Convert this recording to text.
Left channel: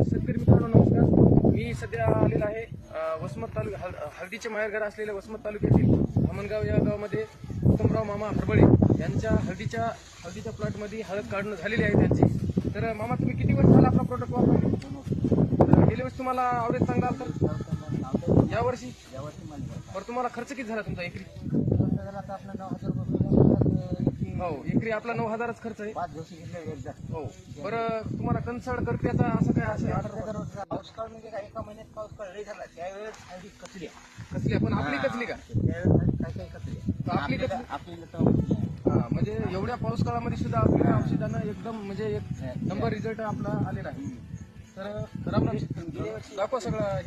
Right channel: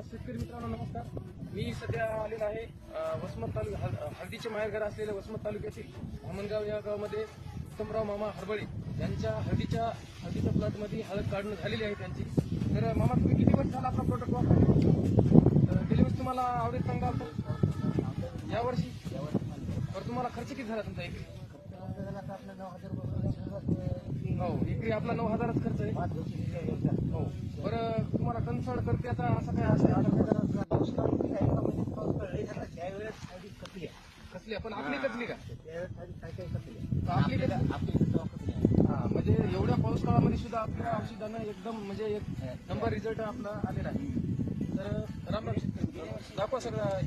शेतकरी मित्रांनो नमस्कार. मी सध्या आलेला आहे वसमत हळदीचे माहेरघर असलेल्या वसमत तालुक्यातील धामणगाव या गावामध्ये उत्तमराव मामा हरबळे यांच्या हळदीच्या प्लॉटमध्ये हळद काढणं झालेली आहे त्यांची. तर मामा तुम्ही किती वर्ष झाला आपला प्रोडक्ट वापरले? तर गेल्या वर्षी तुम्हाला आवडेल चांगला आला तर यावर्षी बरं तुम्हाला खर्च किती झाला तुमचा एकरी? हो एकरी आपला 9,000च खर्च आहे. हो बरं तुम्हाला कन्सल्ट करते आता असं काय असं कसली पण आपली कचली का? आपली कचली हा म्हणजे एवढ्या पाऊस काळामध्ये सुद्धा आपल्या औषधानं एकदम म्हणजे एक नंबर रिझल्ट आपला आलेला आहे. तर आपला दाखवा सगळं.